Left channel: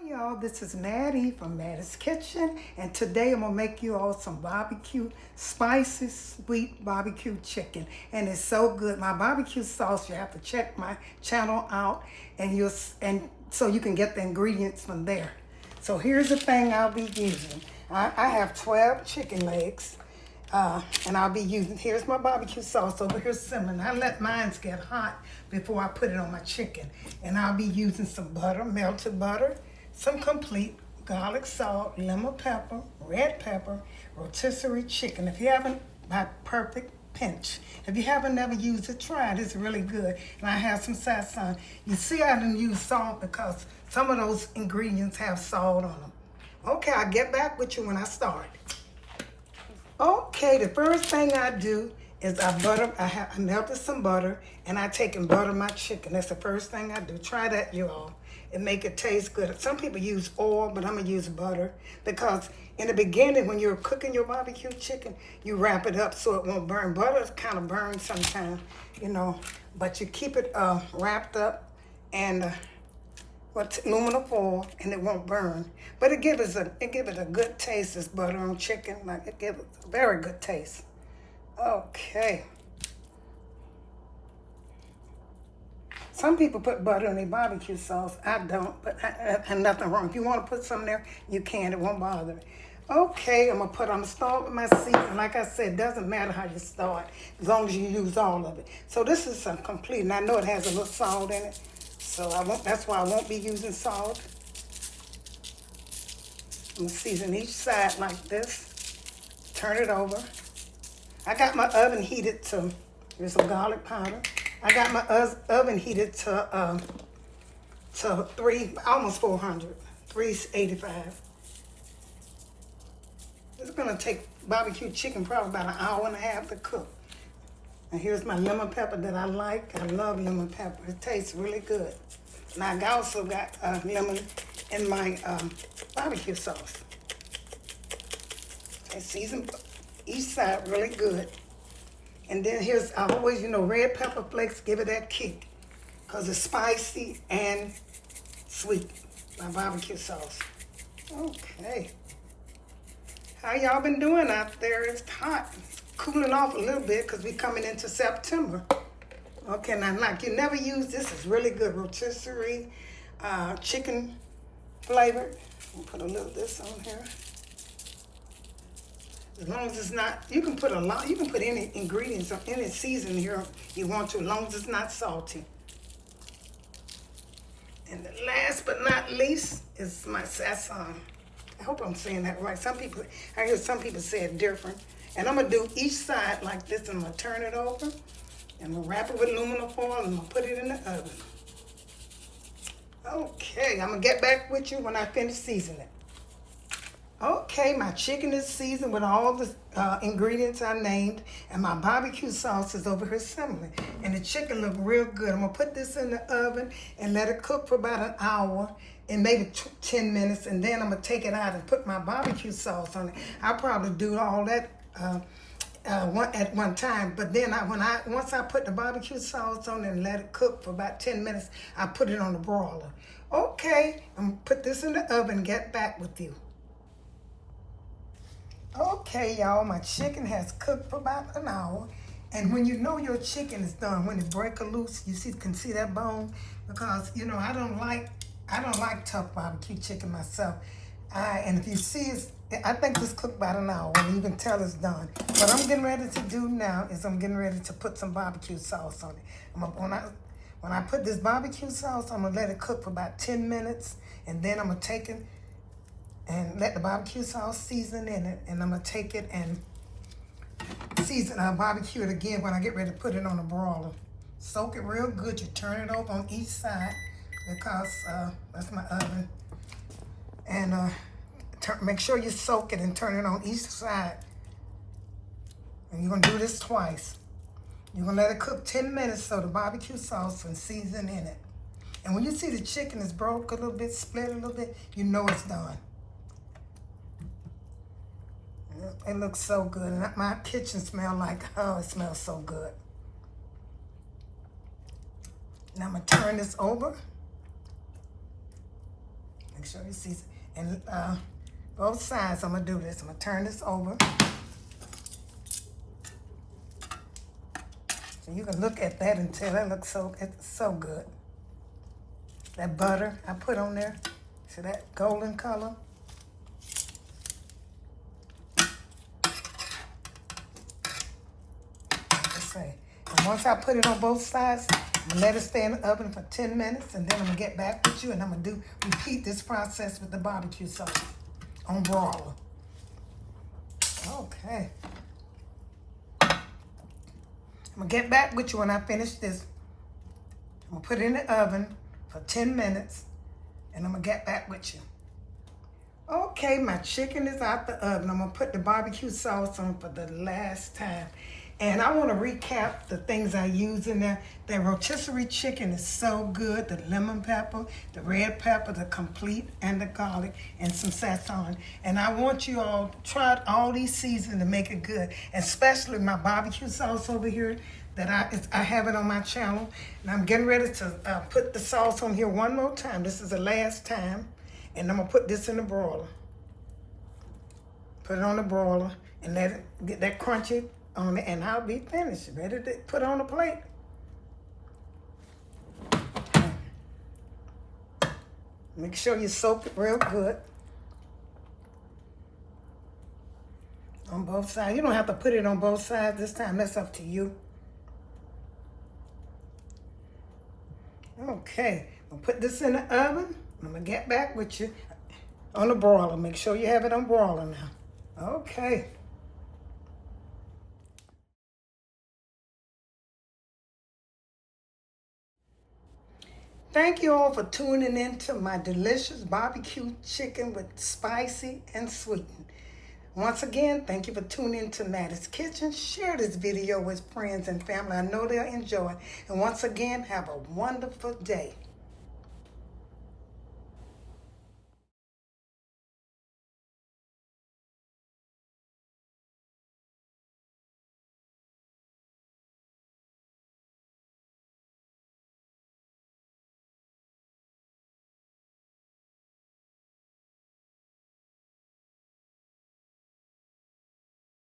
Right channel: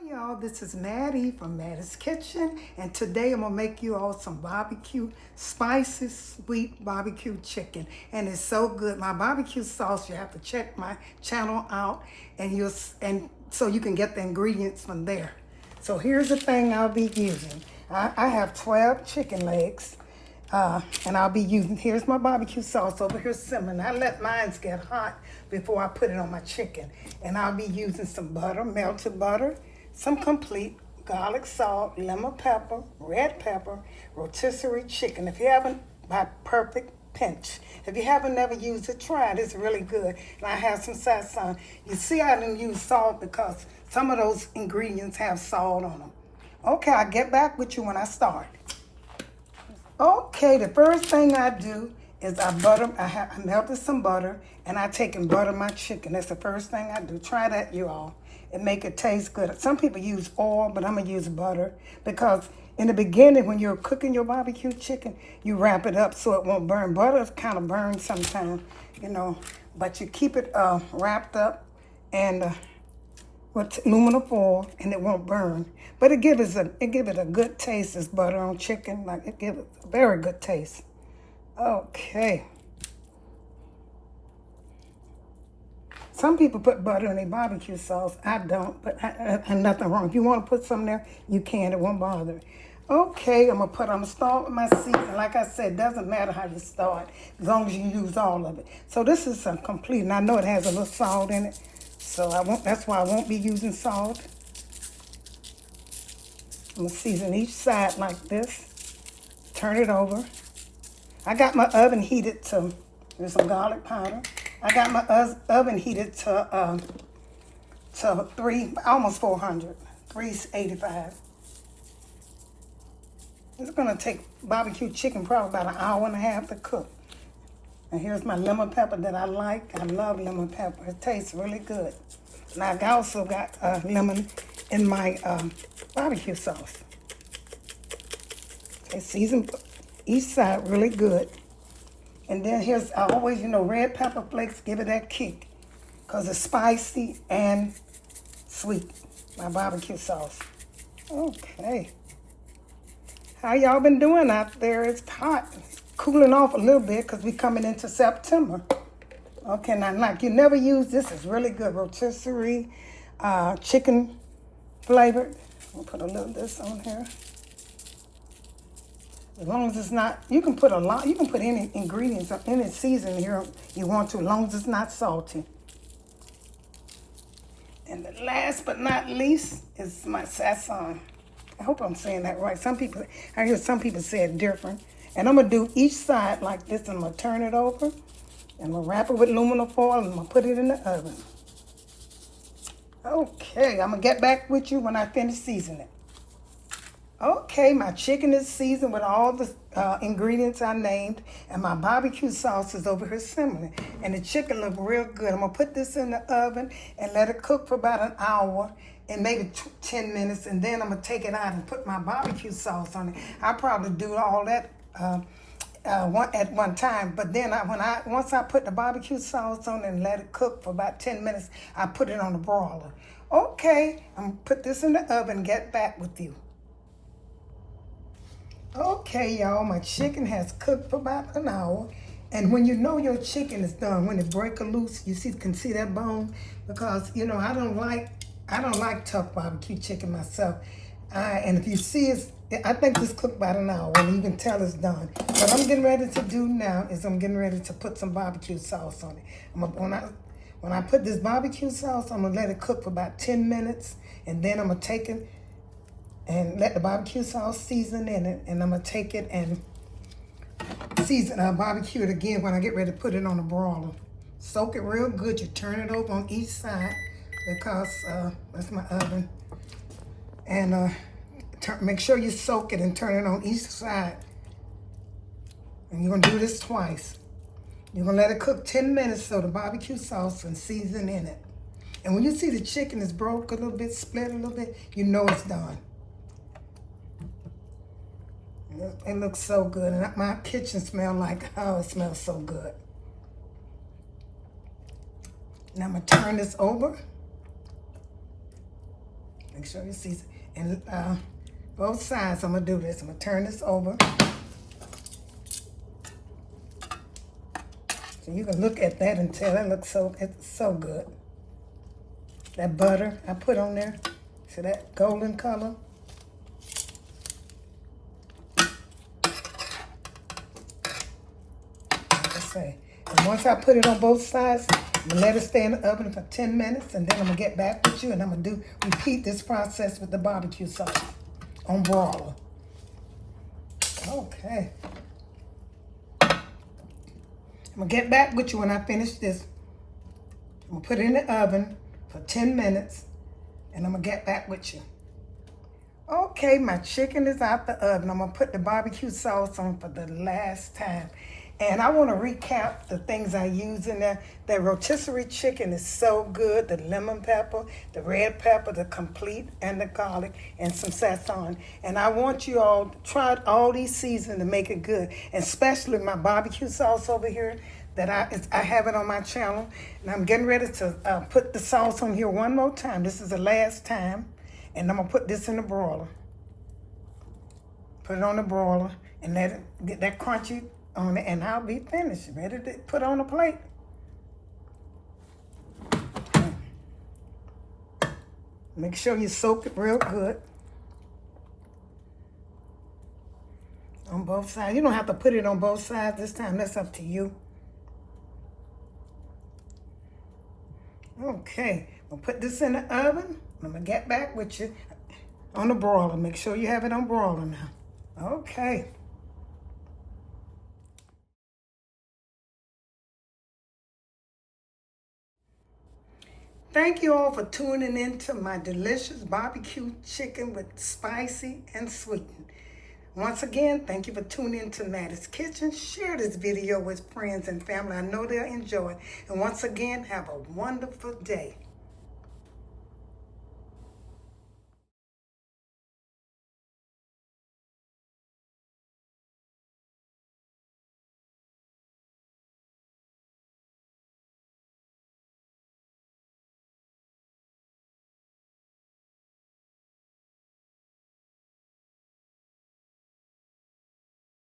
Hi y'all, this is Mattie from Mattie's Kitchen, and today I'm gonna make you all some barbecue, spicy, sweet barbecue chicken, and it's so good. My barbecue sauce, you have to check my channel out, and so you can get the ingredients from there. So here's the thing I'll be using. I have 12 chicken legs, and I'll be using, here's my barbecue sauce over here simmering. I let mine get hot before I put it on my chicken. And I'll be using some butter, melted butter, some complete, garlic salt, lemon pepper, red pepper, rotisserie chicken. If you haven't, my perfect pinch. If you haven't never used it, try it. It's really good. And I have some Saucy. You see I didn't use salt because some of those ingredients have salt on them. Okay, I'll get back with you when I start. Okay, the first thing I do is I melted some butter, and I take and butter my chicken. That's the first thing I do. Try that, you all, and make it taste good. Some people use oil, but I'm gonna use butter because in the beginning, when you're cooking your barbecue chicken, you wrap it up so it won't burn. Butter kind of burns sometimes, you know, but you keep it wrapped up and with aluminum foil, and it won't burn. But it gives it a good taste. This butter on chicken, like it gives it a very good taste. Okay. Some people put butter in their barbecue sauce. I don't, but and nothing wrong. If you want to put some there, you can. It won't bother. Okay, I'm gonna start with my seasoning. Like I said, it doesn't matter how you start, as long as you use all of it. So this is some complete, and I know it has a little salt in it. So that's why I won't be using salt. I'm gonna season each side like this. Turn it over. I got my oven heated to, with some garlic powder. I got my oven heated to almost 400, 385. It's gonna take barbecue chicken probably about an hour and a half to cook. And here's my lemon pepper that I like. I love lemon pepper. It tastes really good. And I also got lemon in my barbecue sauce. Okay, season each side really good. And then here's, I always, red pepper flakes, give it that kick. Because it's spicy and sweet, my barbecue sauce. Okay. How y'all been doing out there? It's hot. Cooling off a little bit because we're coming into September. Okay, now like you never use this, is really good. Rotisserie, chicken flavored. I'll put a little of this on here. As long as it's not, you can put a lot, you can put any ingredients or any seasoning here you want to, as long as it's not salty. And the last but not least is my Saucy. I hope I'm saying that right. I hear some people say it different. And I'm gonna do each side like this, and I'm gonna turn it over, and I'm gonna wrap it with aluminum foil, and I'm gonna put it in the oven. Okay, I'm gonna get back with you when I finish seasoning. Okay, my chicken is seasoned with all the ingredients I named, and my barbecue sauce is over here simmering. And the chicken look real good. I'm gonna put this in the oven and let it cook for about an hour and maybe 10 minutes, and then I'm gonna take it out and put my barbecue sauce on it. I'll probably do all that at one time, but then once I put the barbecue sauce on it and let it cook for about 10 minutes, I put it on the broiler. Okay, I'm gonna put this in the oven and get back with you. Okay, y'all, my chicken has cooked for about an hour. And when you know your chicken is done, when it breaks loose, can see that bone, because I don't like tough barbecue chicken myself. And if you see I think it's cooked about an hour, and you can tell it's done. What I'm getting ready to do now is I'm getting ready to put some barbecue sauce on it. When I put this barbecue sauce, I'm gonna let it cook for about 10 minutes, and then I'm gonna take it and let the barbecue sauce season in it, and I'm gonna take it and barbecue it again when I get ready to put it on the broiler. Soak it real good. You turn it over on each side, because that's my oven. And make sure you soak it and turn it on each side. And you're gonna do this twice. You're gonna let it cook 10 minutes so the barbecue sauce and season in it. And when you see the chicken is broke a little bit, split a little bit, you know it's done. It looks so good. And my kitchen smells like, it smells so good. Now I'm gonna turn this over. Make sure you season. And both sides, I'm gonna do this. I'm gonna turn this over. So you can look at that and tell it looks it's so good. That butter I put on there, see that golden color? Say. And once I put it on both sides, I'm gonna let it stay in the oven for 10 minutes, and then I'm gonna get back with you, and I'm gonna repeat this process with the barbecue sauce on broiler. Okay. I'm gonna get back with you when I finish this. I'm gonna put it in the oven for 10 minutes, and I'm gonna get back with you. Okay, my chicken is out the oven. I'm gonna put the barbecue sauce on for the last time. And I want to recap the things I use in there. The rotisserie chicken is so good. The lemon pepper, the red pepper, the complete, and the garlic, and some sazon. And I want you all to try all these seasons to make it good. And especially my barbecue sauce over here that I have it on my channel. And I'm getting ready to put the sauce on here one more time. This is the last time. And I'm going to put this in the broiler. Put it on the broiler and let it get that crunchy on it, and I'll be finished, ready to put on a plate. Make sure you soak it real good on both sides. You don't have to put it on both sides this time. That's up to you. Okay, we'll put this in the oven. I'm gonna get back with you on the broiler. Make sure you have it on broiler now. Okay. Thank you all for tuning in to my delicious barbecue chicken with spicy and sweetened. Once again, thank you for tuning in to Mattie's Kitchen. Share this video with friends and family. I know they'll enjoy it. And once again, have a wonderful day.